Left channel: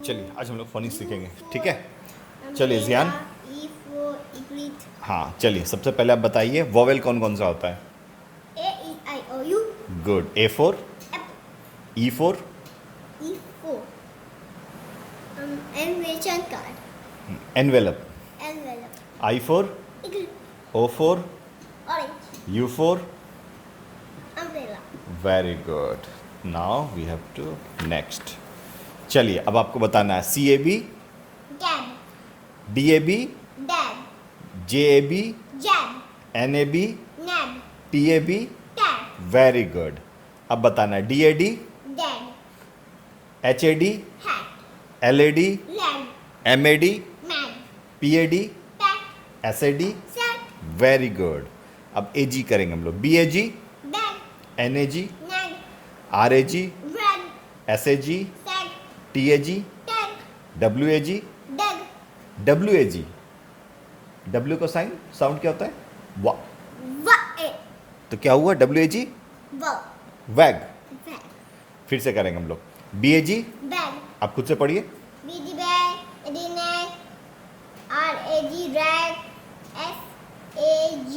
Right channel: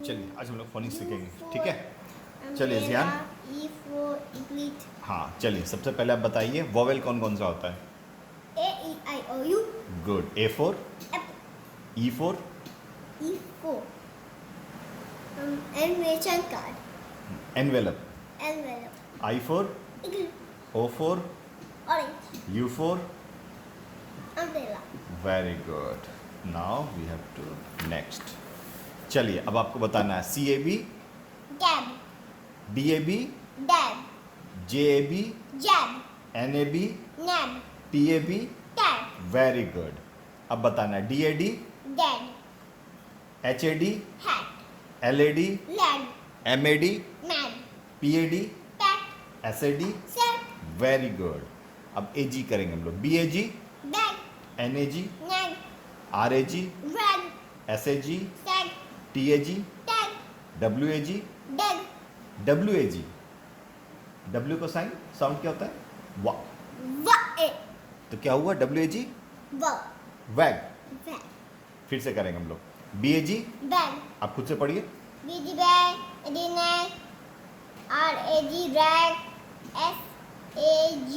चलिए आज हम लोग फोनिक्स सीखेंगे, ठीक है। चलिए जियान, हाँ चलिए सबसे पहले आप बताइए वोवेल कौन कौन सा होता है। A-E-I-O-U. Good. A for, Apple. E for, E4. Invitation card. Envelope, Envelope. I for, Eagle. O for, Orange. U for. Umbrella. Very good. Now we have to next. चलिए अब आपको बताना है C A B, Dab. D A B, Dab. J A B, Jab. N A B, Nab. T A B. Tab. Very good. अब बताना है D A D, Dad. H A D, Hat. L A D, Lad. M A D, Mad. P A D, Pat. S A D. Sat. Very good. अब A G करेंगे हम लोग, B A G, Bag. N A G, Nag. R A G, Rag. S A G, Tag. T A G, Tag. W A G, Dug. W A G. W का sign sound क्या होता है? वा। Va. तो क्या हुआ W A G? Va. Wag. Bag. फिर से करेंगे हम लोग, बी ए जी, Bag. आप खुद से पढ़िए। B-D bag, A-D nag, R-A-G rag, S-A-G,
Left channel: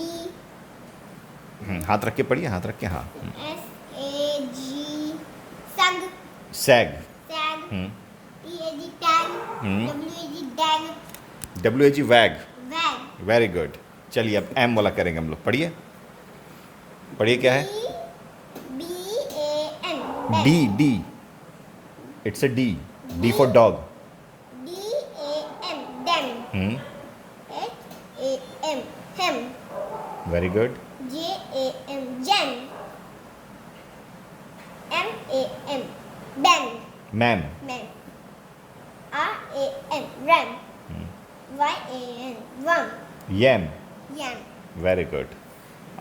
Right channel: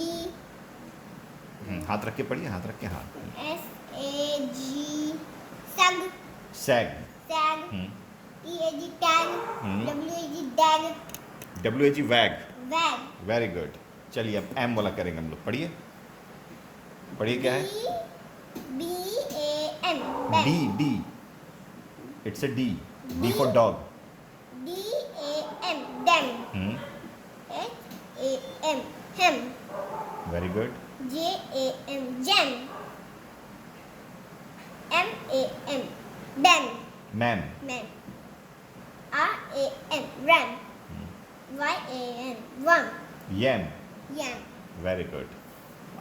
हाथ रख के पढ़िए, हाथ रख के, हाँ। S-A-G, sag, sag, sag, E-A-G tag, W-A-G dag, W A G वैग। wag, very good. चलिए अब एम वाला करेंगे हम लोग, पढ़िए पढ़िए क्या है? B-A-N, D, bag, D, it's a D, D for dog. D-A-M, dam, H-A-M, hem, very good. J-A-M, jam, M-A-M, ban, man, man, R-A-N, ran, Y-A-N, worm, yam. yam, very good.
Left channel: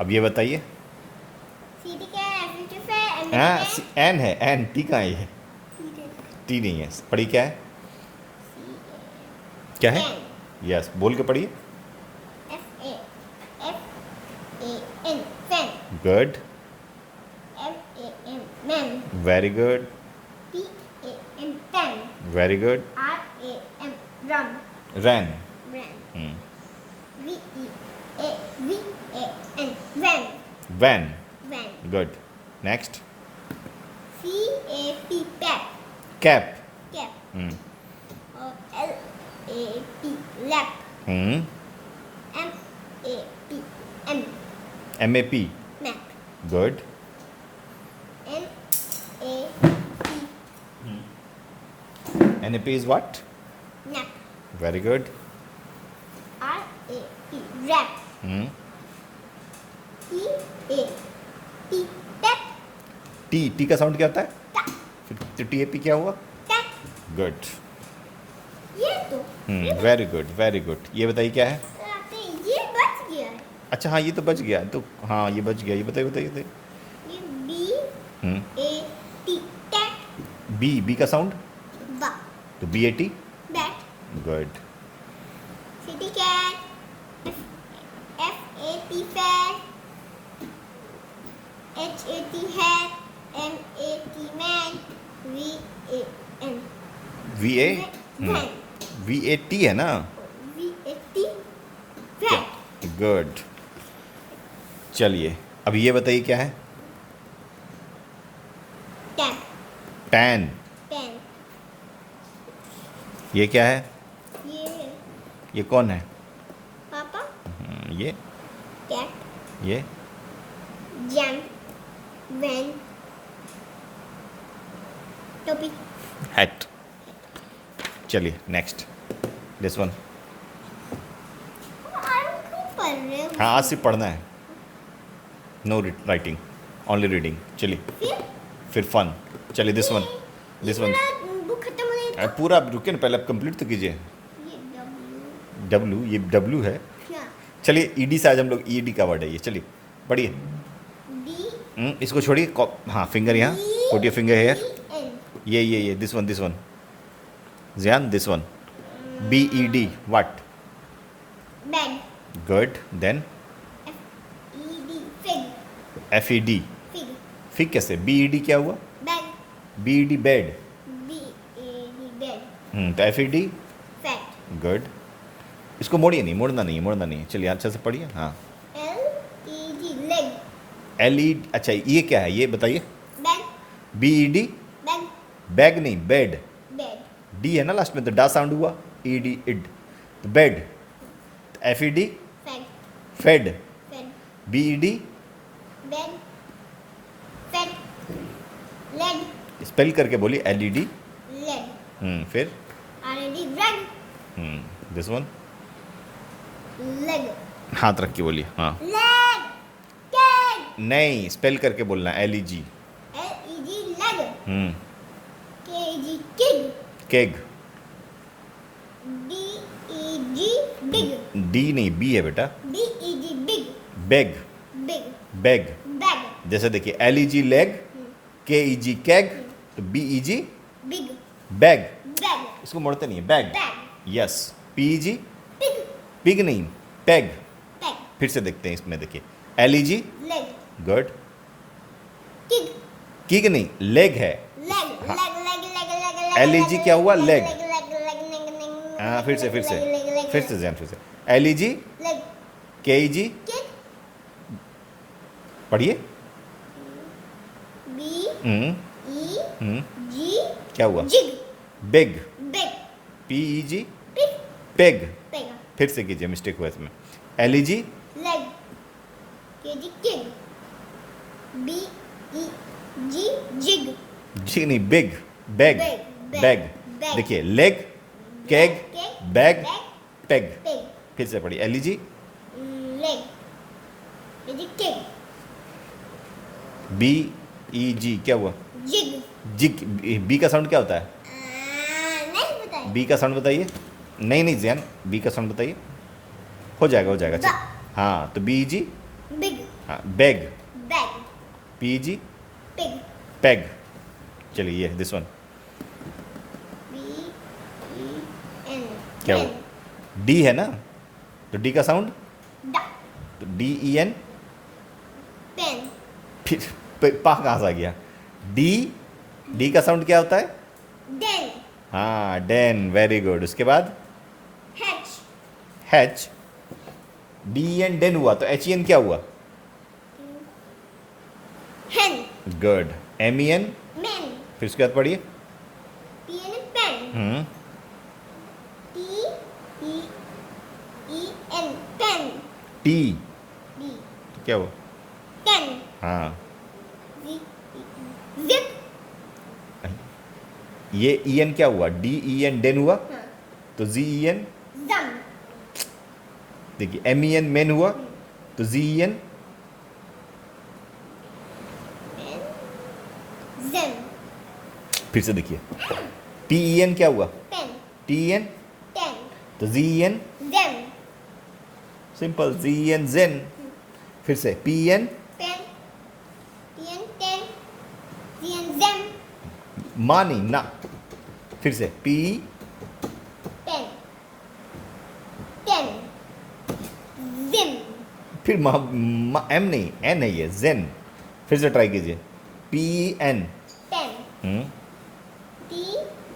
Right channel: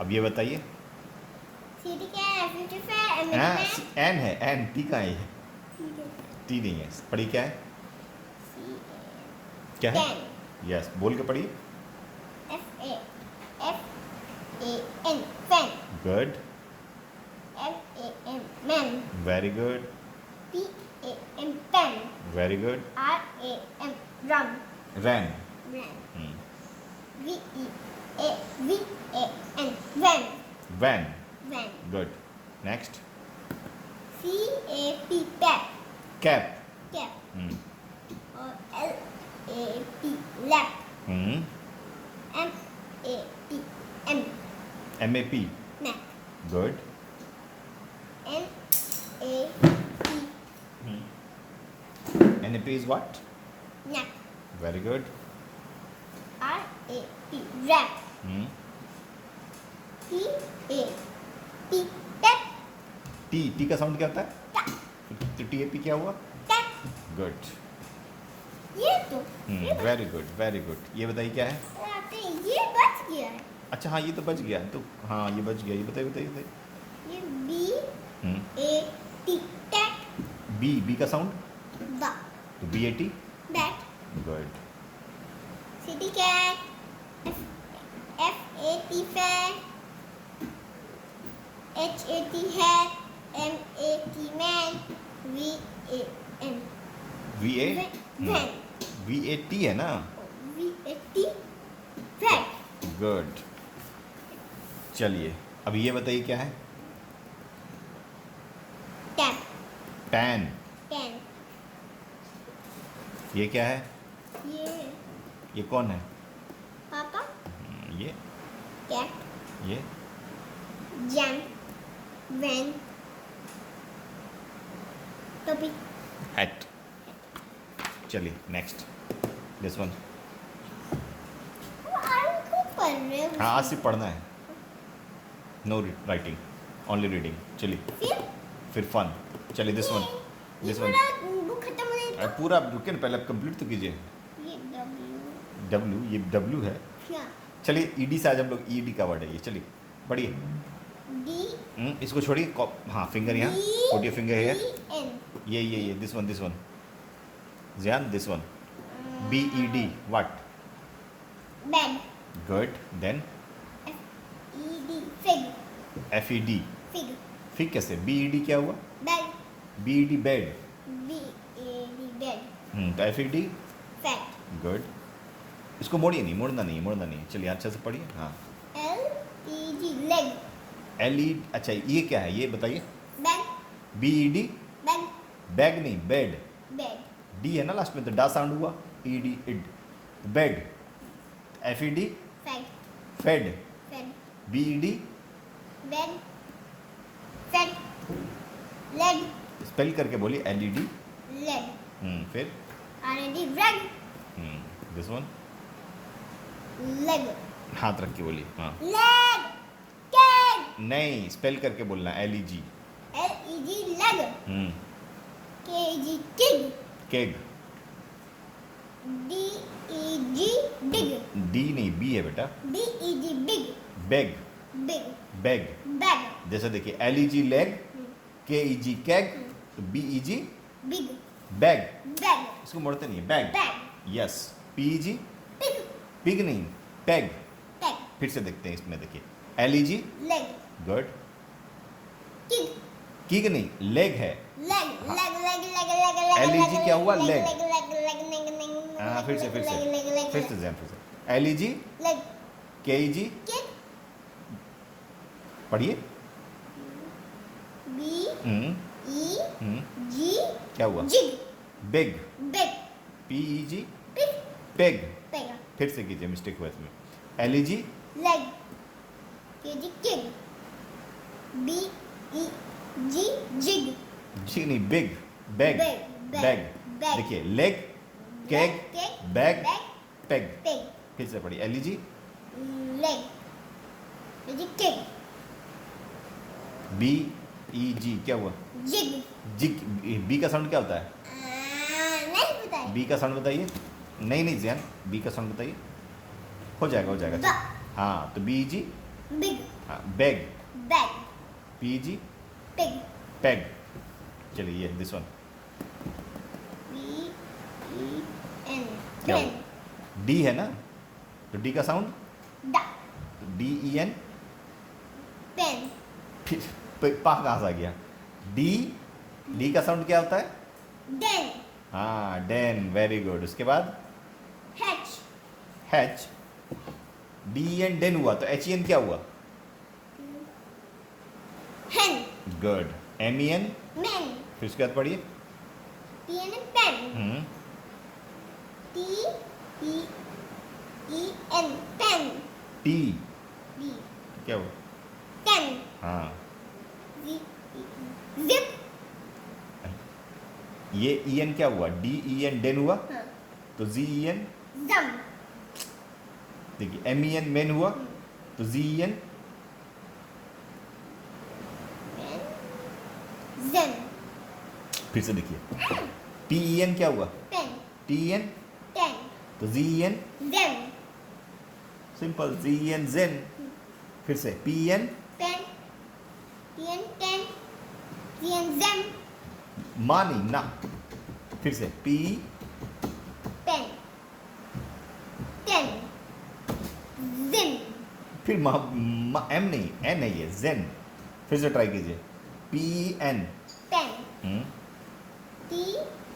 अब ये बताइए, C-D cat, F-U-T fair, N है, N, T कहाँ है? T नहीं है, पढ़िए क्या है? क्या है? यस, बोल के पढ़िए। F-A-F-A-N, fan, good, M-A-M, man, very good, P-A-N, pan, very good. R-A-M, rum, ran, ran, V-E-A-V-A-N, van, van, van, good. Next, C-A-P, pat, cap, cap, और L-A-P, lap, M-A-P-M, M A P, map, good. N-A-P, N A P is what? nap, very good. R-A-P, rap, P-A-P, tap, T, T का sound क्या होता है? tap, फिर T A P क्या हुआ? tap, good. ये तो वेरी गुड, वेरी गुड। ये बताइए क्या है? ये बच गया है, अच्छा हाँ, ये तो बच गया, तो हाँ ये बच गया। ये बताइए बताइए बताइए। ये B-A-T, tat, बी, बी का साउंड बा, तो B A T. bat, good. city cat, F-A-T, fan, H-A-T, hat, M-A-T, man, V-A-N, V A, van, V A T है ना? V-A-T, van, good. चलिए अब ये बताइए क्या है? tap, tan. pen, ये क्या है? ये ये कौन है? पापा, ये, cat, ये, jam, van, टोपी, हैट। चलिए नेक्स्ट, दिस वन। क्यों पढ़ रहे हो? हाँ आज सिर्फ पढ़ना है, नो राइटिंग, ओनली रीडिंग। चलिए फिर फन। चलिए this one, this one. Book खत्म हो गई तो पूरा आप रुके ना, पहले आप कंप्लीट तो कीजिए। ये W, डब्ल्यू, ये डब्ल्यू है। क्या? चलिए ईडी से आज हम लोग, ईडी का वर्ड है ये। चलिए पढ़िए। D, इसको छोड़िए, हाँ फिंगर यहाँ, put your finger hair. E-N, ये दिस वन, दिस वन जियान, this one. B E D what? bed, good. Then F-E-D, fig, F E D, fig, फिर कैसे? बी ई डी क्या हुआ? bed, B E D bed, B-A-D, bed, तो F E D fat good. इसको मोड़िए नहीं, मोड़ना नहीं, मोड़ना नहीं। चलिए अच्छे से पढ़िए। हाँ L-E-G लेग एल ई, अच्छा ये क्या है ये बताइए। Bag B E D, bag bag नहीं बेड। बेड डी है ना लास्ट में, तो डा साउंड हुआ, ई डी इड, तो bed. F E D fat fed, fat B E D bag fat leg spell करके बोलिए, एल ई डी। लेग फिर R-E-D bread this one, leg हाथ रख के बोलिए। हाँ लेग केग नहीं, स्पेल करके बोलना, L E G. L-E-G leg hmm K-E-G किग केग, D-E-G डिग डी नहीं बी है बेटा। D-E-G big bag, big bag. Bag जैसे देखिए, L E G leg, K E G keg, तो B E G big bag. Bag इसको मोड़ते नहीं है, bag. Bag yes. P E G pig pig नहीं, पैग। पैग फिर से देखते हैं इसमें, देखिए L E G leg good, किग किग नहीं लेग है। Leg leg leg leg leg LEG क्या हुआ? Leg। लेग हाँ फिर से जैन, फिर से L E G leg K E जी, किक पढ़िए। बी हम्म ई हम्म जी क्या हुआ? Jig big, big P E G pig peg. पेगा फिर से कीजिए, मिस्टेक हुआ इसमें। एल ई जी लेग के जी किग बी ई जी जिग जी नहीं big, bag Bag, bag. bag। देखिए leg, CAG, Keg, bag, bag, peg. pig फिर से पढ़िए, एल ई जी leg के जी किग बी ई जी क्या हुआ? Jig jig. बी का साउंड क्या होता है? नहीं पता है बी का साउंड बताइए। नहीं जैन, बी का साउंड बताइए। हो जाएगा, हो जाएगा। ब। हाँ तो बी जी, बिग हाँ bag, bag P G pig पैग। चलिए ये this one B E N क्या हुआ? डी है ना, तो डी का साउंड, डा तो डी ई एन। पेन फिर पा कहाँ से आ गया? डी, डी का साउंड क्या होता है? डेन हाँ डेन, वेरी गुड। उसके बाद H H, D N den हुआ, तो एच ई एन क्या हुआ? Hen good. M E N, men फिर उसके बाद पढ़िए। P N pen T E E N pen T, D तो क्या हुआ? पेन हाँ जिप ये ई एन क्या हुआ? डी ई एन डेन हुआ, हाँ तो जी ई एन। जम देखिए एम ई एन मैन हुआ, तो जी ई एन। जेन फिर से देखिए, टी ई एन क्या हुआ? Pen T E N, ten तो G E N. Gen simple, G E N gen. फिर से P E N, pen T N ten T N gen मानी ना। फिर से पी, पेन टेन जिम फिर एम नहीं, एन है ये, जेन। फिर से ट्राई कीजिए, P N. Pen T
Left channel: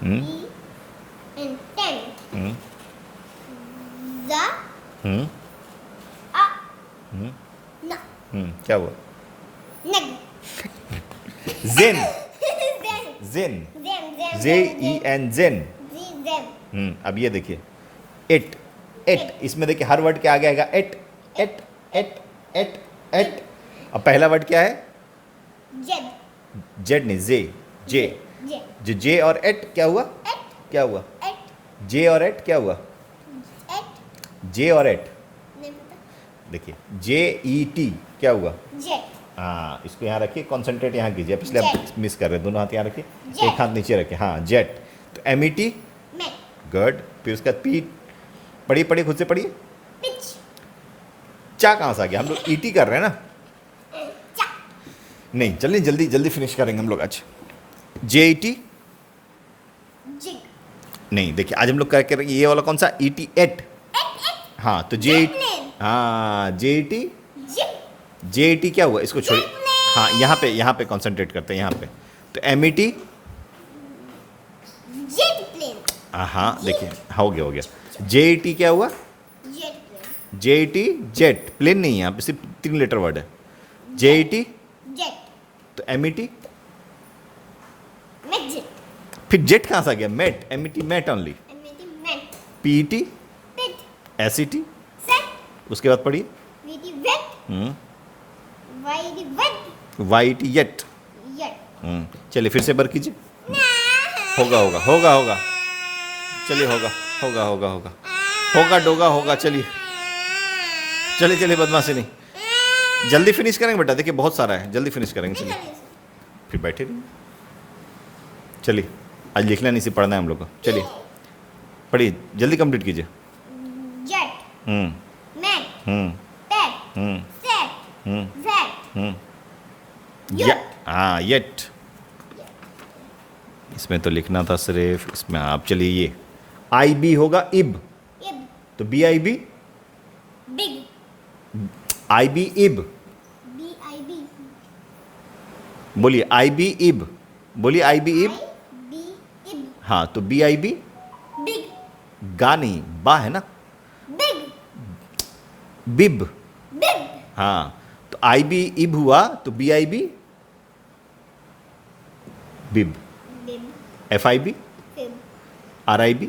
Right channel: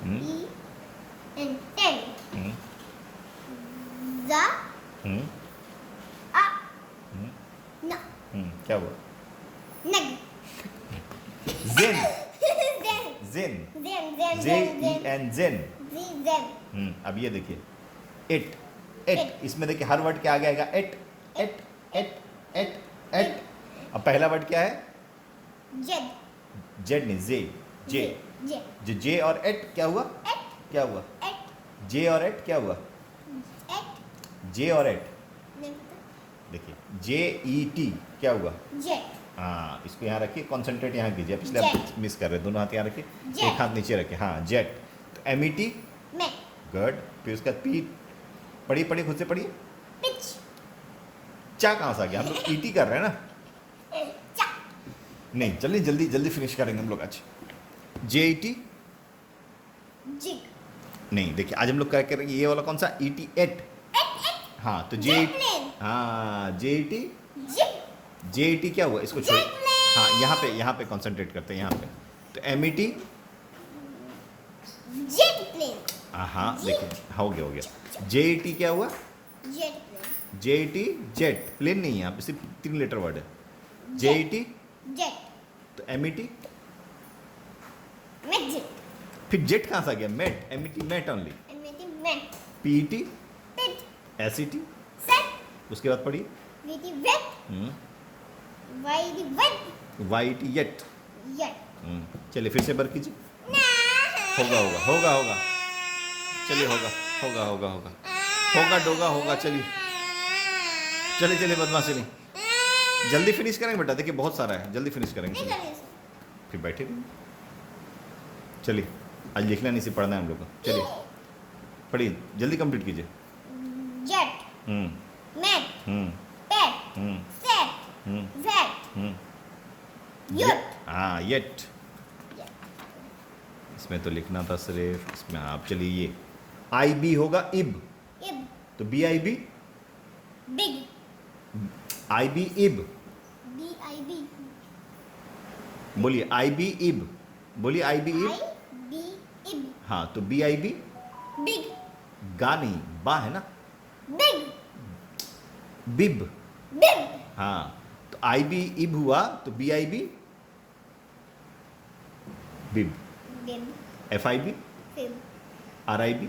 hmm. E N ten hmm जा हम्म आ हम्म ना क्या हुआ? नग जेन, जेन जेन, जेन जे ई एन जेन। जी जेन अब ये देखिए, एट, एट। इसमें देखिए हर वर्ड के आगे आएगा et, et, et, et, et. अब पहला वर्ड क्या है? जेड जेड नहीं, जे, जे। जे जो जे और एट क्या हुआ? एट क्या हुआ? एट जे और एट क्या हुआ? एट जे और एट। नहीं पता देखिए जे ई टी क्या हुआ? जे हाँ इसको यहाँ रखिए, कॉन्सेंट्रेट यहाँ कीजिए, पिछले Jet। आप मिस कर रहे हैं। दोनों हाथ यहाँ रखिए, Jet। एक हाथ नीचे रखिए। हाँ जेट, तो एम ई टी मैं गुड। फिर उसका पी, पढ़िए पढ़िए, खुद से पढ़िए। पिच चा कहाँ से आ गया? हम लोग ई टी कर रहे हैं ना। चा नहीं जल्दी जल्दी जल्दी फिनिश करेंगे हम लोग आज। जे ई टी जिग नहीं, देखिए आज हम लोग करके ये वाला कौन सा? E T et. हाँ तो जे, Jetplane। हाँ J E T, jig J E T क्या हुआ? इसको छोड़िए। Jetplane। हाँ यहाँ पे कंसंट्रेट करते हैं यहाँ पे। तो M E T, jet plane हाँ देखिए, हो गया JET क्या हुआ? Jet. JET जेट, प्लेन नहीं है, यहाँ पे सिर्फ 3 लेटर वर्ड है। JET Jet. तो MET, Midget. फिर जेट कहाँ से आ गया? Met, MET met only. Met. PET Pit. SET, Set. उसके बाद पढ़िए Witty wet. Whitey wet. YET yet. Yet. चलिए फिर से बर कीजिए। होगा चलिए, होगा डोगा होगा। चलिए बदमाशी नहीं, जल्दी फिनिश करेंगे बेटा, देखिए बहुत सारा है, जल्दी फिनिश करेंगे। चलिए फिर बैठे रहिए। चलिए आज लिखना नहीं, सिर्फ पढ़ना है हम लोग को। चलिए पढ़िए, जल्दी कंप्लीट कीजिए। Jet. Met. Pet. Set. Vet. Yet. हाँ येट, इसमें तो लिखना था सिर्फ, इसमें आप चलिए ये IB होगा इब, Ib. तो BIB, Big. IB इब, B-I-B. बोलिए IB इब, बोलिए IB इब। I-B. Ib. हाँ तो BIB, Big. गा नहीं, बा है ना, Big. बिब। Big. हाँ तो IB इब हुआ, तो BIB बिब। Bib. FIB, Fib. RIB,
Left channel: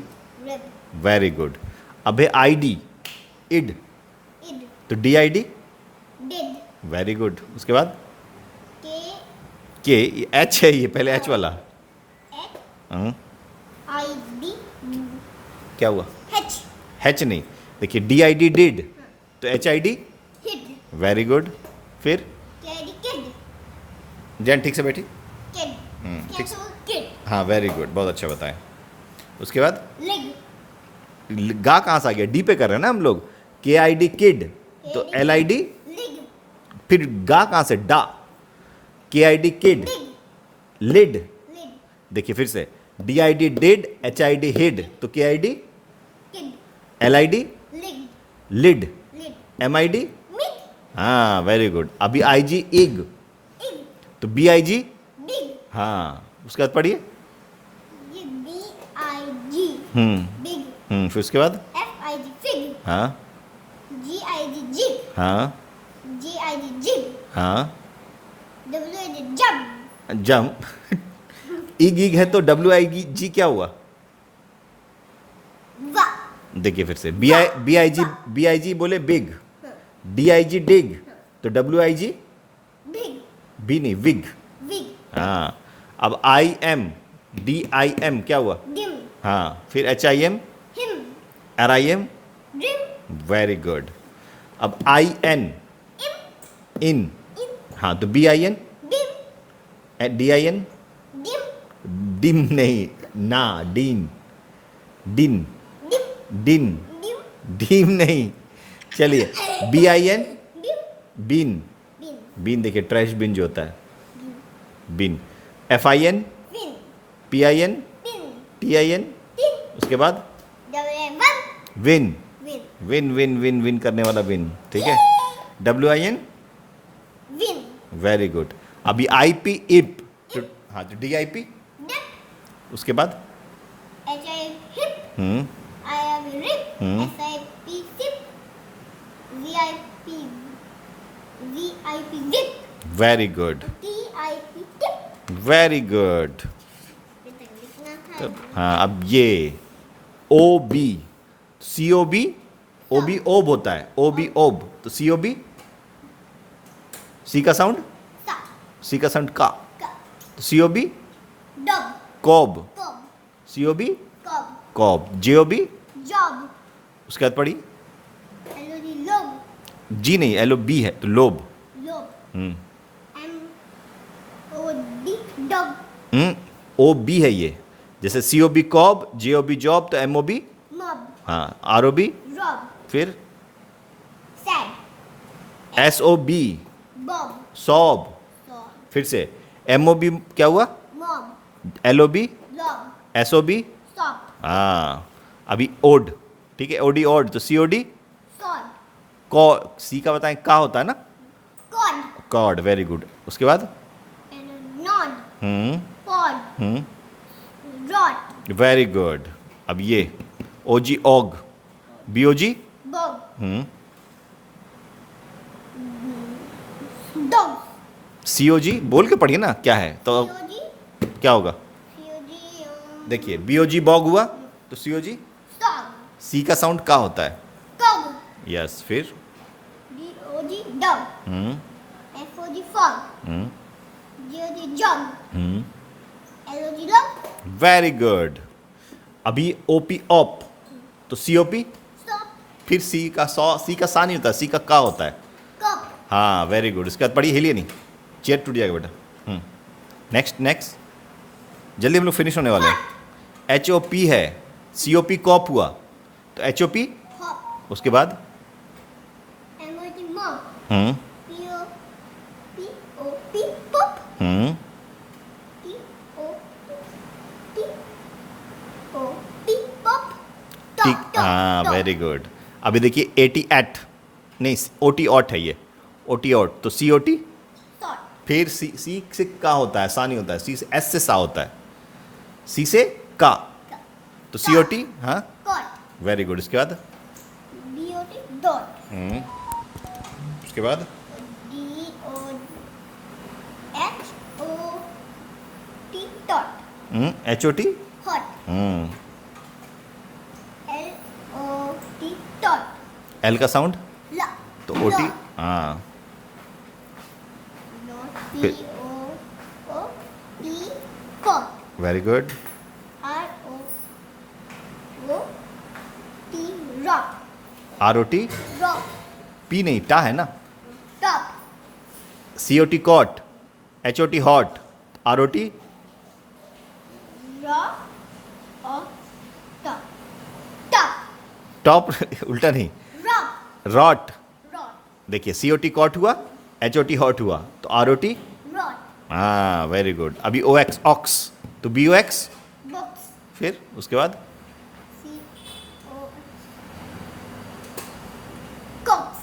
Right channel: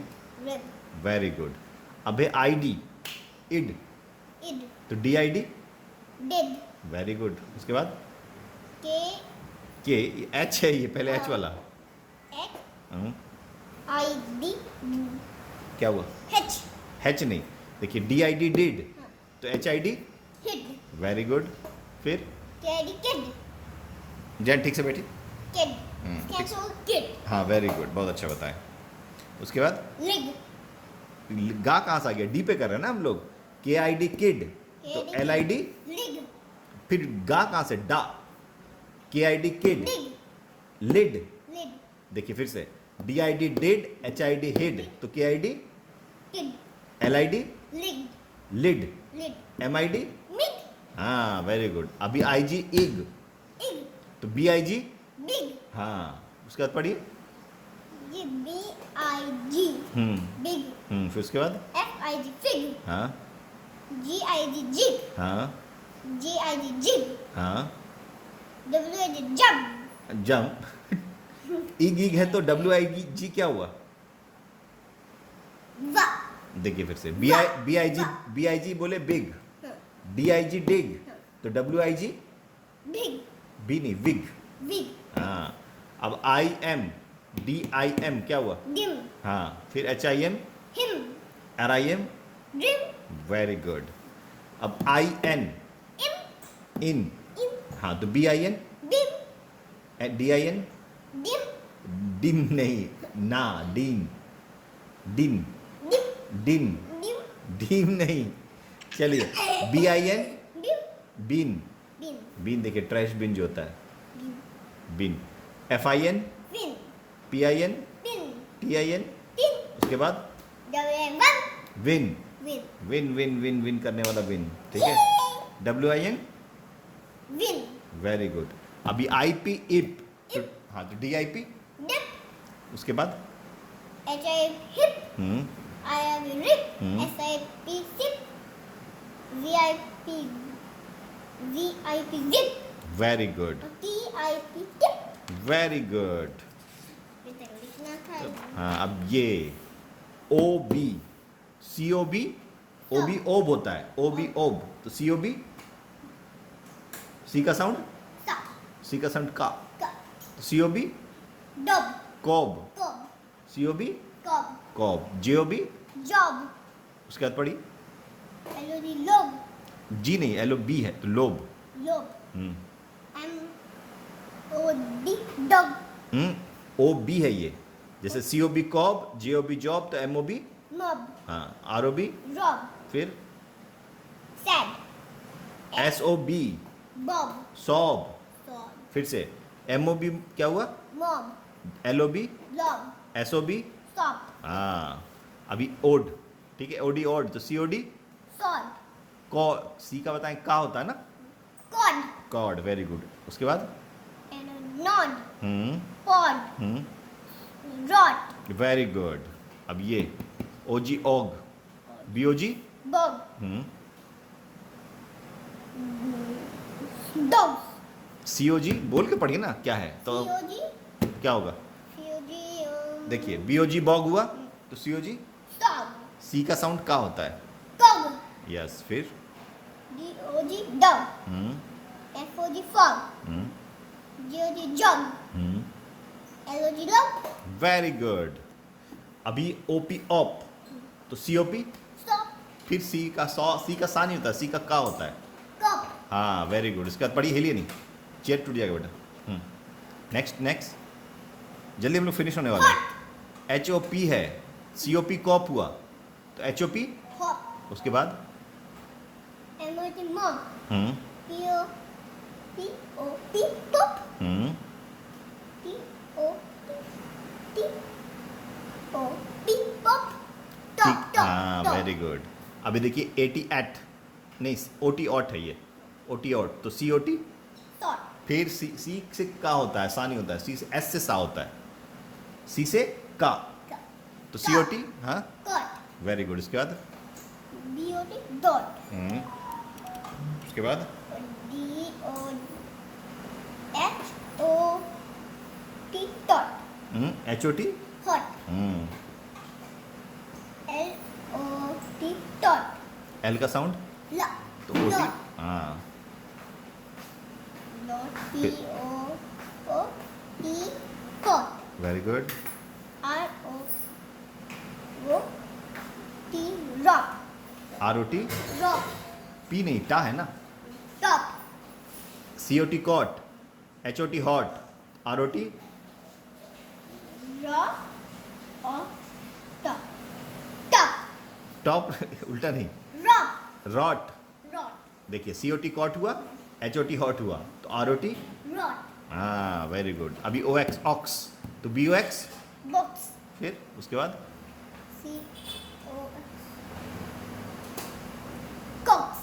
Rib. Very good. अब है ID इड, Id. तो DID, Did. Very good. उसके बाद K. के, H है ये, पहले H वाला। H. हाँ, I-D. क्या हुआ? H. H नहीं, देखिए DID डिड, तो HID, Hid. Very good. फिर Kid. Kid. जैन ठीक से बैठी। Kid. ठीक Cancel. Kid. हाँ वेरी गुड, बहुत अच्छा बताया। उसके बाद Lig. गा कहाँ से आ गया? डी पे कर रहे हैं ना हम लोग। KID किड, तो LID, Lig. फिर गा कहाँ से? डा, KID kid, Dig. Lid, Lid. देखिए फिर से DID डिड, HID हिड, तो KID, Kid. LID Lig. Lid, Lid. MID, Mid. हाँ वेरी गुड। अभी IG इग, Ig. तो BIG, Big. हाँ उसके बाद पढ़िए। ये B-I-G. Big. फिर उसके बाद F-I-G. Fig. हाँ G-I-G. Jig. हाँ G-I-G. Jig. हाँ W-I-G. Jump. जंप, इग है तो WIG क्या हुआ? Va. देखिए फिर से BIG बोले बिग, DIG डिग, तो WIG Big. बी नहीं, विग। Wig. हाँ अब DIM क्या हुआ? Dim. हाँ फिर HIM, Him. RIM, Rim. Very good. अब IN, Im. In, In. हाँ तो BIN, Bim. DIN, Dim. Dim नहीं, ना, डीन, डिन, Dim. डिन, Dim. डीम नहीं। चलिए BIN, Dim. Bin, Bin. Bin देखिए ट्रैश बिन जो होता है, बिन। FIN, Fin. PIN, Pin. TIN, Tin. उसके बाद W-I-N. Win, Win. विन करने वाला विन, ठीक है। WIN, Win. Very good. अभी IP इप, तो हाँ तो DIP, Dip. उसके बाद H-I-P. Hip. I-I-P. Rip. S-I-P. Sip. V-I-P. V-I-P. Zip. Very good, T-I-P. Tip. Very good. लिखना था। हाँ अब ये OB, COB, OB ओब होता है, OB ओब, तो COB, C का साउंड, Sa. C का साउंड का, Ka. तो COB Dub. Cob, Cob. COB Cob. Cob, JOB, Job. उसके बाद पढ़ी L-O-D. Lob. G नहीं, LOB है तो लोब। Lob. हम्म M-O-D. Dog. OB है ये, जैसे COB कॉब, JOB जॉब, तो MOB, Mob. हाँ ROB, Rob. फिर Sad. SOB Bob. Sob, Sob. फिर से MOB क्या हुआ? Mob. LOB, Lob. SOB, Stop. हाँ अभी ओड, ठीक है, OD ओड, तो COD Sod. कॉ, C का बताएं का होता है ना, Cod. Code, very good. उसके बाद And a nod. Hmm Pod. Hmm Rot. Very good. अब ये ओजी ओग, बीओजी bog, हम्म, dog, सीओजी बोल के पढ़िए ना क्या है तो COG, क्या होगा। COG, देखिए बीओजी बॉग हुआ तो सीओजी, dog, सी का साउंड का होता है। dog, यस फिर DOG, dog, हम्म FOG, fog, हम्म GOG, jog, हम्म, LOG, log, वेरी गुड। अभी ओपी ऑप तो सीओपी, stop, फिर सी का सा नहीं होता, सी का होता है। cop, हाँ वेरी गुड, इसके बाद पढ़िए, हिलिए नहीं, चेयर टूट जाएगा बेटा। नेक्स्ट नेक्स्ट, जल्दी हम लोग फिनिश होने वाले हैं। एच ओ पी है, सी ओ पी कॉप हुआ तो एच ओ पी, hop, उसके बाद MOG, mop, हम्म POP, pop, हम्म, TOP, pop, ठीक, top, हाँ top, वेरी गुड। अभी देखिए एटी एट, नहीं ओटी ऑट है ये, ओटी ऑट तो सी ओ टी, top, फिर सी से का होता है, सा नहीं होता है, सी से एस से सा होता है, सी से का तो सी ओ टी, हाँ cot, वेरी गुड। इसके बाद BOT, dot, उसके बाद DOHOT, dot, H O T, hot, LOT, dot, L का साउंड la, तो ओ टी, dot, हाँ dot, फिर- POOT, cot, very good. ROT, rock, R O T, rock, P नहीं टा है ना, top, C O T cot, H O T hot, R O T rock, or top, top, top उल्टा नहीं, rock, rot. rod, देखिए C O T cot हुआ, H O T hot हुआ तो आर ओ टी, rod, हाँ very good. अभी O X ox तो B O X, box, फिर उसके बाद COX, cox,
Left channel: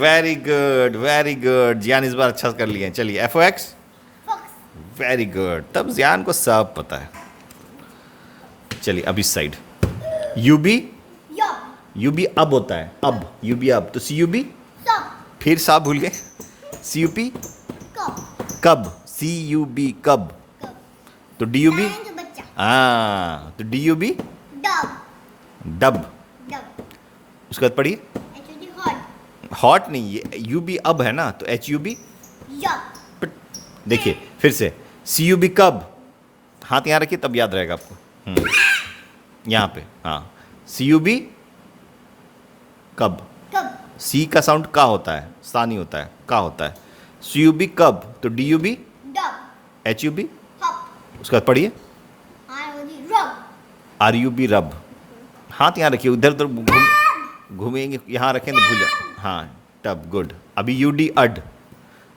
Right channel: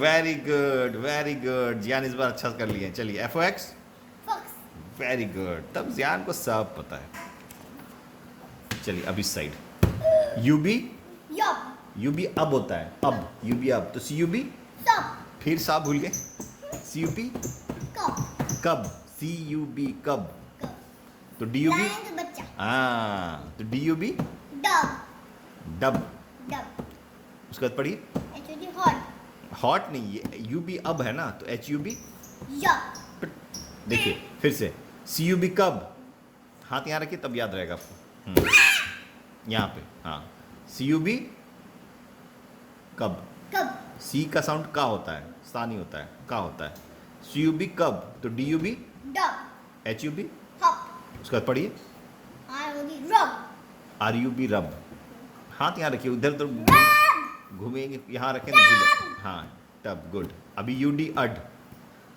very good very good, Jiyan इस बार अच्छा कर लिए हैं। चलिए F O X, fox, very good, तब जियान को सब पता है। चलिए अब इस side U B, yob, U B अब होता है, अब यू बी अब तो सी यू बी, stop, फिर सा भूल गए, सी you P cup, cub, C U B cub cup, तो डी यू बी, lion का बच्चा, हाँ तो D U B dog, dub. dog, उसके बाद पढ़िए, HOT, hot, हॉट नहीं, ये यू बी अब है ना तो एच यू बी, yob, देखिए फिर से सी यू बी कब, हाथ यहाँ रखिए तब याद रहेगा आपको। यहाँ पे हाँ, सी यू बी कब, cub, सी का साउंड का होता है, सा नहीं होता है, का होता है। सी यू बी कब तो D U B, dog, H U B, hop, उसके बाद पढ़िए ROD, rub, R U B rub. हाथ यहाँ रखिए, उधर उधर घूमेंगे, यहाँ रखें तो भूल जाए, हाँ टब, गुड। अभी यू डी अड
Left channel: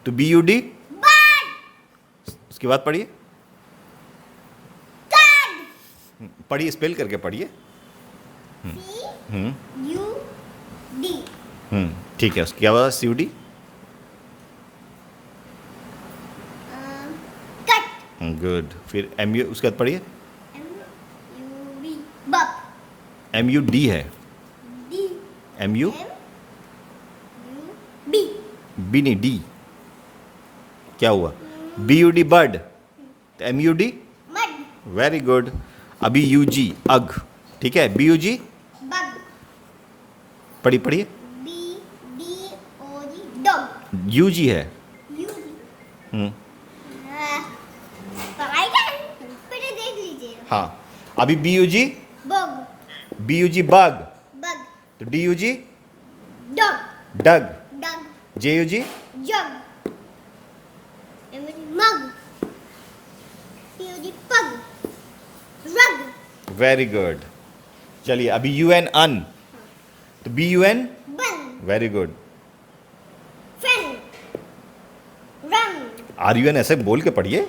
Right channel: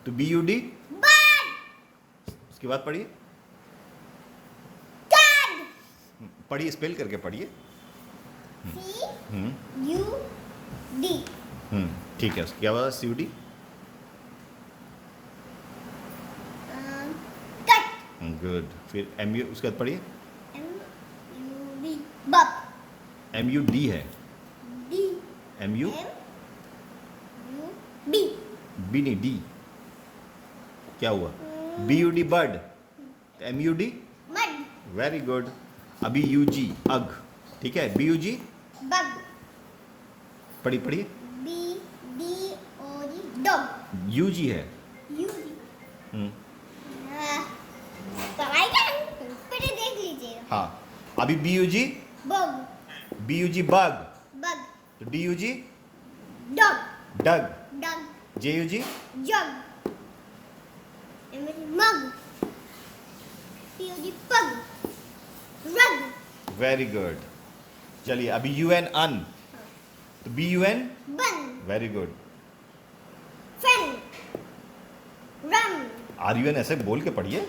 तो बी यू डी, bird, उसके बाद पढ़िए, card, पढ़िए स्पेल करके पढ़िए। CUD, ठीक है, उसके क्या हुआ, C U D, cut, good. फिर एम यू, उसके बाद पढ़िए, MUB, buck, M U D है, D, M U MUB, B नहीं डी, क्या हुआ, बी यू डी बर्ड तो M U D, mud, very good. अभी यू जी अग, ठीक है, बी यू जी, bug, पढ़िए DOG, dog, यू जी है, UG, हम्म, पढ़ाई कर फिर देख लीजिए हाँ। अभी B U G, bug, B U G bug bug, तो D U G dog, dug, dog, J U G, jug, MUG, mug, POG, pug, rug, very good. चलिए अभी यू एन अन तो B U N, bun, very good. friend, rum, R U N ऐसे बोल के पढ़िए,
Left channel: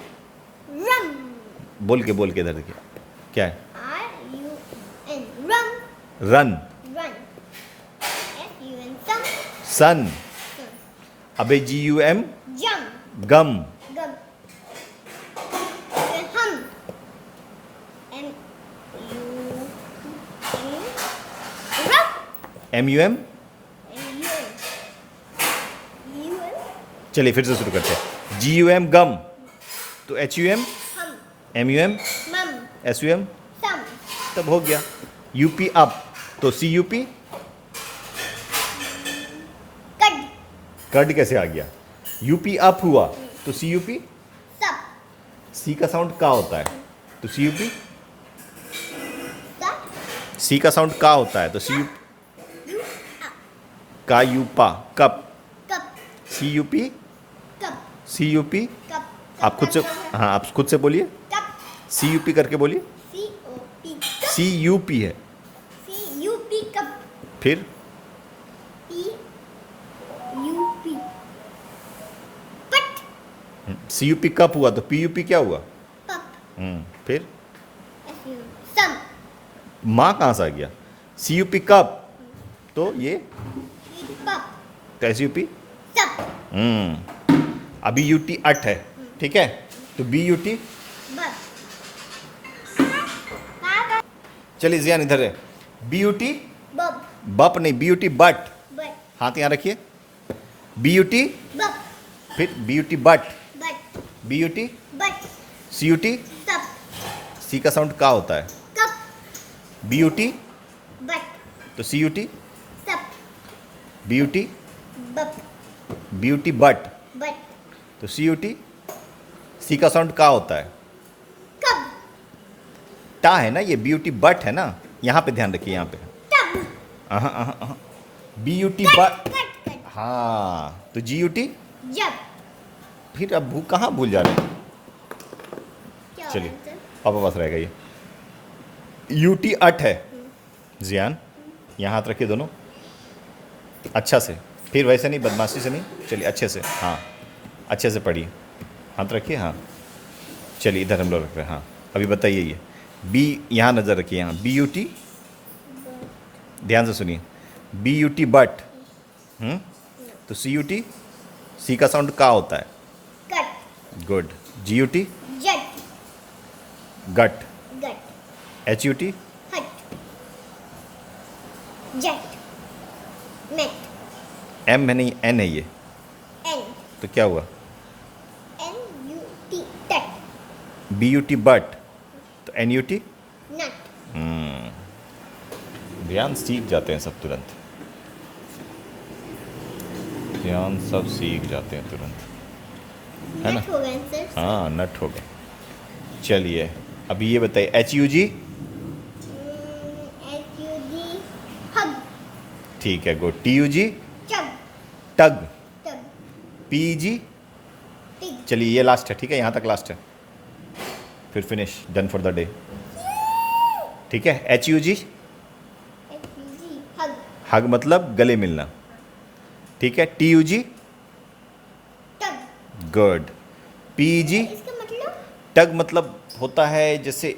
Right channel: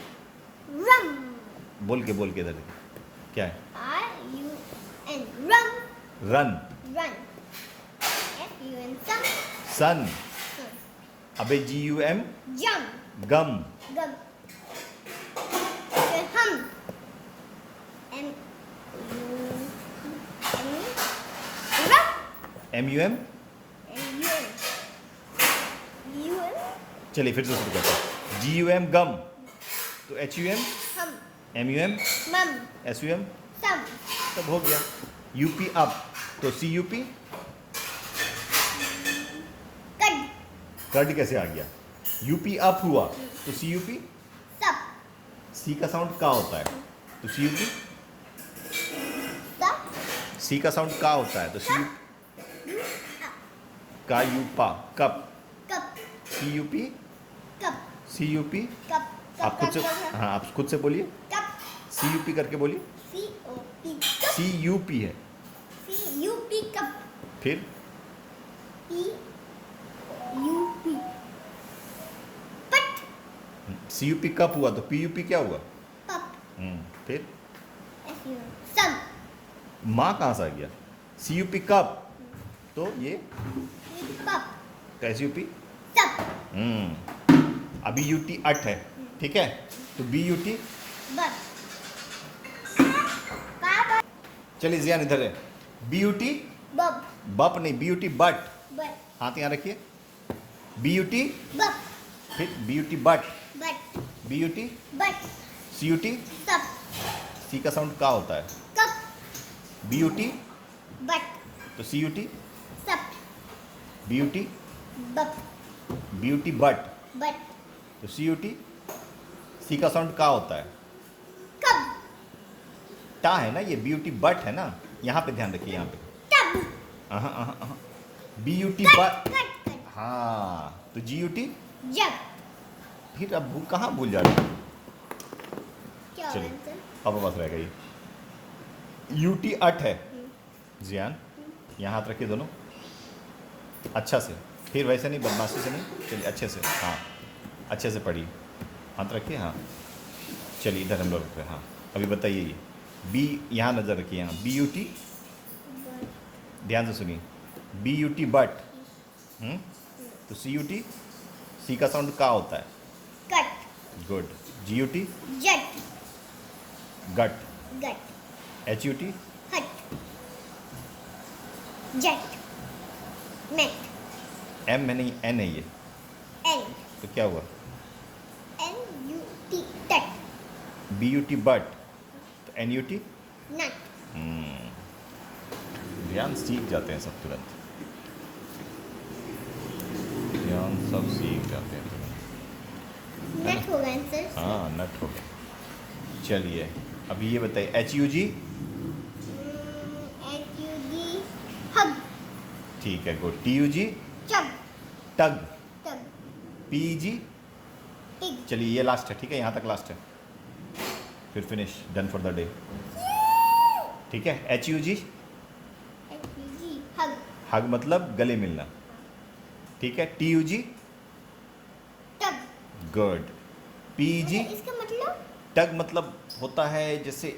rum, बोल के इधर देखिए क्या है, RUN, rum, run, run, FUN, thumb, सन। अबे जी you M jump, gum, gum, hum, MU, MUM। UN UN चलिए फिर से शुरू करते हैं। GUM गम, तो HUM, हम MUM, मम SUM, सम तब हो गया। UP अप, तो CUP, कड कड कैसे आ गया? UP अप हुआ तो CUP, सब C का साउंड का होता है तो CUP, सब C का साउंड का होता है तो CUP, यू का यूपा cup, cup CUP, cup CUP। Cup आप खुद से, हाँ आप खुद से बोलिए, कप CUP करके बोलिए। COP CUP है, CUP कप फिर PUP पट CUP कप हुआ तो PUP क्या हुआ? पप फिर SU सम माँ कहाँ से आ गया? CUP कप, तो ये पप तो SUP। सब अभी UT अट है, ठीक है, तो BUT। बप चलिए जियान इधर है। BUT बप बप नहीं, BUT बट, बट हाथ यहाँ रखिए। BUT, बप फिर BUT but, but BUT, but CUT, सब C का साउंड का होता है। कप BUT, बट तो CUT, सब BUT, बप BUT बट, बट तो CUT, C का साउंड का होता है। कब टा है ना ये, BUT बट है ना, यहाँ पे ध्यान रखिए, यहाँ पे। तब BUT cut but, cut cut हाँ तो GUT। जब फिर अब कहाँ भूल जा रहे हैं? क्या चलिए आंसर पापा पास रहेगा ये। UT अट है जियान, यहाँ हाथ रखिए दोनों अच्छा से, फिर वैसे नहीं, बदमाशी से नहीं, चलिए अच्छे से, हाँ अच्छे से पढ़िए, हाथ रखिए, हाँ चलिए इधर हम लोग रख रहे हैं, हाँ अभी बताइए ये B, यहाँ नज़र रखिए, यहाँ BUT, ध्यान से सुनिए, BUT बट, तो CUT, C का साउंड का होता है। Cut good. GUT जट गट, गट HUT हट जट नेट M है नहीं, N है ये, एन तो क्या हुआ? NUT टट BUT बट, तो NUT। नट ध्यान सीख जाते हैं सब तुरंत, ध्यान सब सीख जाते हैं तुरंत, है ना? नट हो गया आंसर हाँ नट हो गया। चलिए अभी ये बताइए HUG, HUG हग ठीक है गुड। TUG चग टग, टग PG, टिग चलिए ये लास्ट है, ठीक है, यहाँ तक लास्ट है, फिर finish, done for the day, ठीक है। HUG HUG हग हग मतलब गले मिलना, ठीक है। TUG टग गुड। PG इसका मतलब टग मतलब होता है जैसे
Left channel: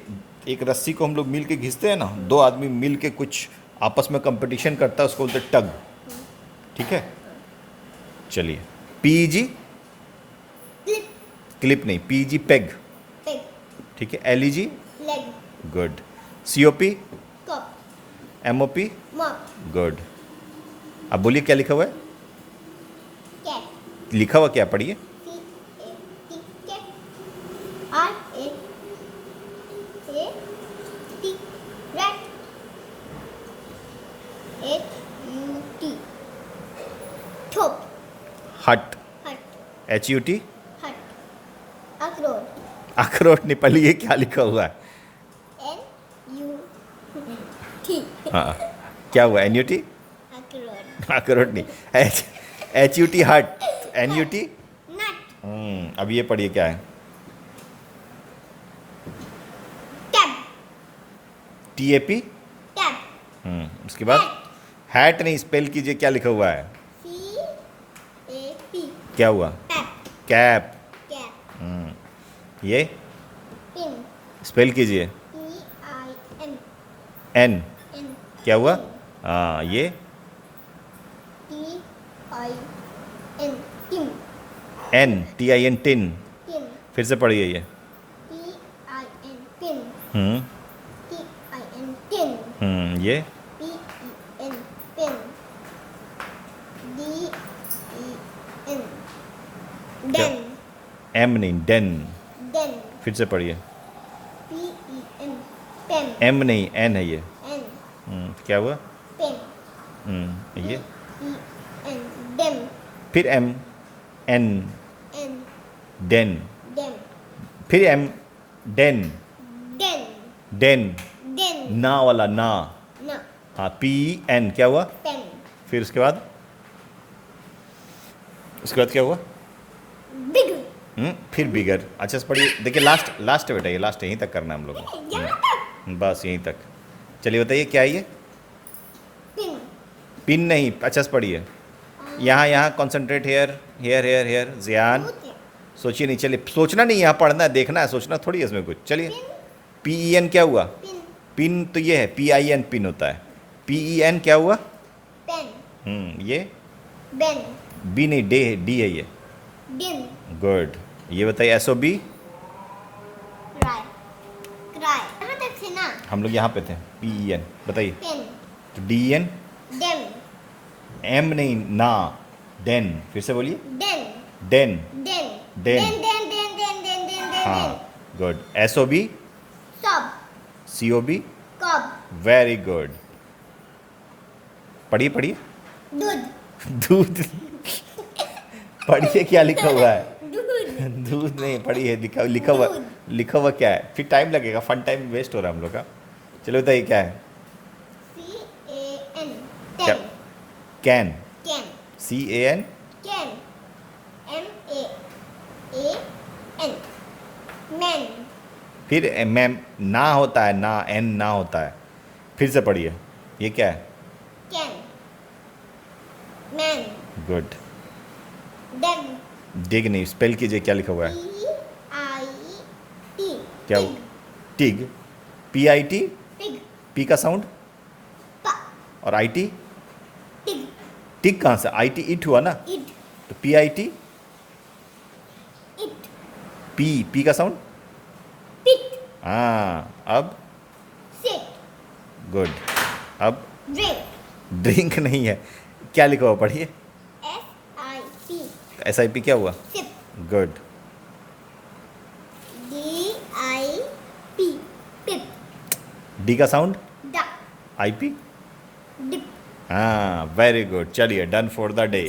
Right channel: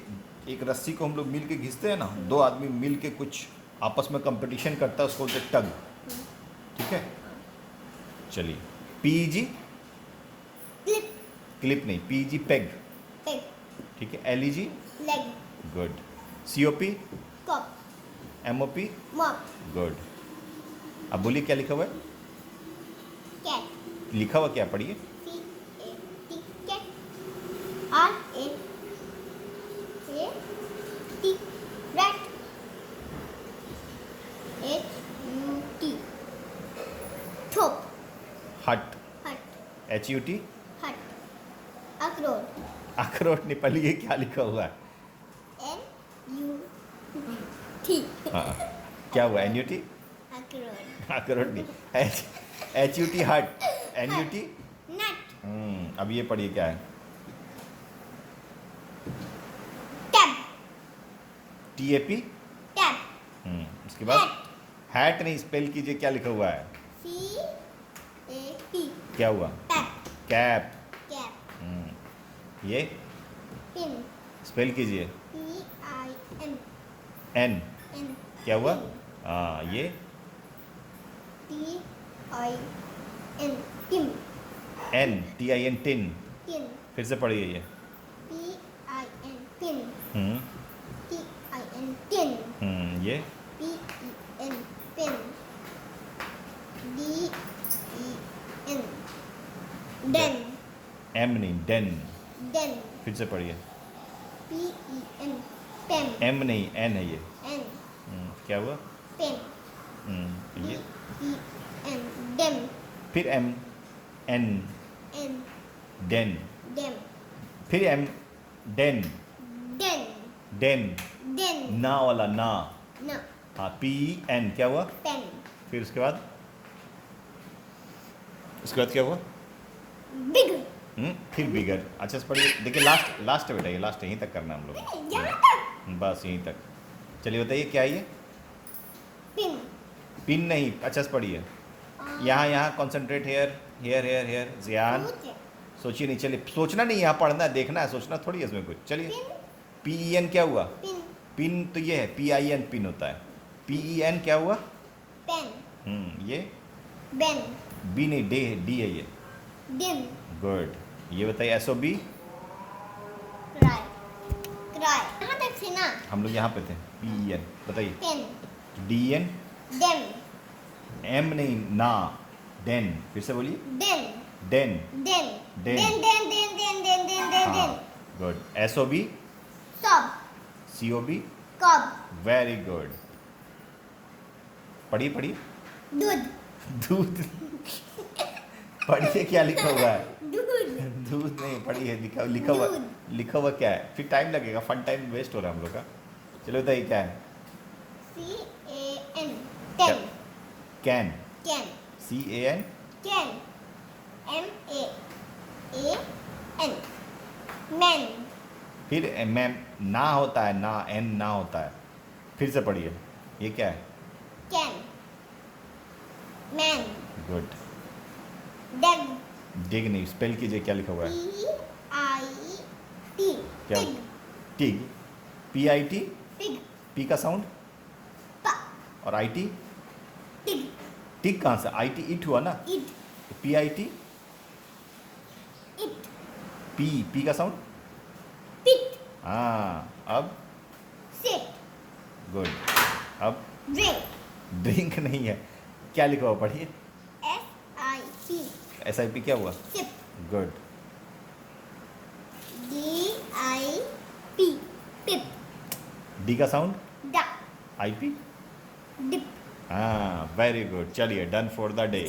एक रस्सी को हम लोग मिल के घिसते हैं ना, दो आदमी मिल के कुछ आपस में कंपटीशन करता है, उसको बोलते हैं टग, ठीक है। चलिए PG क्लिप क्लिप नहीं, PG पेग, पेग ठीक है। LEG leg good. COP cup MOP mop good. अब बोलिए क्या लिखा हुआ है? कैट लिखा हुआ क्या, पढ़िए। CAT cat RAT rat HUT ठोप हट, हट HUT हट अखरोट अखरोट नहीं, पढ़िए क्या लिखा हुआ है। NUT हाँ क्या हुआ? NUT अखरोट अखरोट नहीं, HUT हट, NUT। नट अब ये पढ़िए क्या है? टैब TAP, टैब उसके बाद हैट नहीं, स्पेल कीजिए क्या लिखा हुआ है? CAP क्या हुआ? Tab cap. कैप ये पिन स्पेल कीजिए। PIN N, N क्या हुआ? ये TIN tim N, TIN tin, tin फिर से पढ़िए ये। PIN पिन हम्म TIN टिन ये PEN पिन एम नहीं, डेन। Den. फिर से पढ़िए। P-E-M. Pem. एम नहीं, एन है ये। N. क्या हुआ? Pem. ये D-E-N. Dem. फिर M, N, N. Den, Dem. फिर M, den, Den. Den, Den. ना वाला ना। No. हाँ, पी एन क्या हुआ? Pen. फिर उसके बाद क्या हुआ? Big. फिर बिगर। अच्छा से पढ़िए, देखिए लास्ट लास्ट बेटा, ये लास्ट यहीं तक करना है हम लोग को। यहाँ तक. बस यहीं तक। चलिए बताइए क्या है ये? Pin. पिन नहीं, अच्छा से पढ़िए। यहाँ यहाँ concentrate, here here here here, Ziyan. Put. सोचिए नहीं, चलिए सोचना नहीं, यहाँ पढ़ना है, देखना है, सोचना थोड़ी है इसमें कुछ। चलिए, Pin. पी ई एन क्या हुआ? Pin. पिन तो ये है, पी आई एन पिन होता है। पी ई एन क्या हुआ? Pen. ये Ben. बी नहीं, डे डी है ये। Dim. गुड। ये बताइए S O B. Cry. Cry. यहाँ तक थे ना. हम लोग यहाँ पे थे। पी ई एन बताइए। Pen. तो डी एन, Dem. एम नहीं, ना, डेन। फिर से बोलिए। Den. Den. Den. Den. Den. Den. Den. Den. Den. Den. Den. हाँ, Den. Good. S O B, Sob. C O B, Cob. Very good. पढ़िए पढ़िए। दूध. दूध। पढ़िए क्या लिखा हुआ है? दूध. दूध नहीं, पढ़िए, लिखा हुआ, दूध. लिखा हुआ क्या है? फिर टाइम लगेगा, फन टाइम वेस्ट हो रहा है हम लोग का। चलो बताइए क्या है? C-A-N. क्या? Ten. Can, Can. C A N. Can. M-A-A-N. Man. फिर मैम ना होता है, ना, एन ना होता है। फिर से पढ़िए, ये क्या है? Can. Man. गुड। Dog. डिग नहीं, स्पेल कीजिए, क्या लिखा हुआ है? P-I-T. क्या? Pig. TIG, P I T. Pig. P का साउंड Pa. और आई टी। Pig. टिग कहाँ से? आई टी इट हुआ ना, It. तो P I T. It. P का साउंड। Pit. हाँ, अब Sit. गुड। अब Drink. ड्रिंक नहीं है, क्या लिखा हुआ? पढ़िए। S-I-P. एस आई पी क्या हुआ? Sip. Good. D-I-P. Pip. D का sound, Duck. I P. Dip. हाँ, वेरी गुड। चलिए, डन फॉर द डे।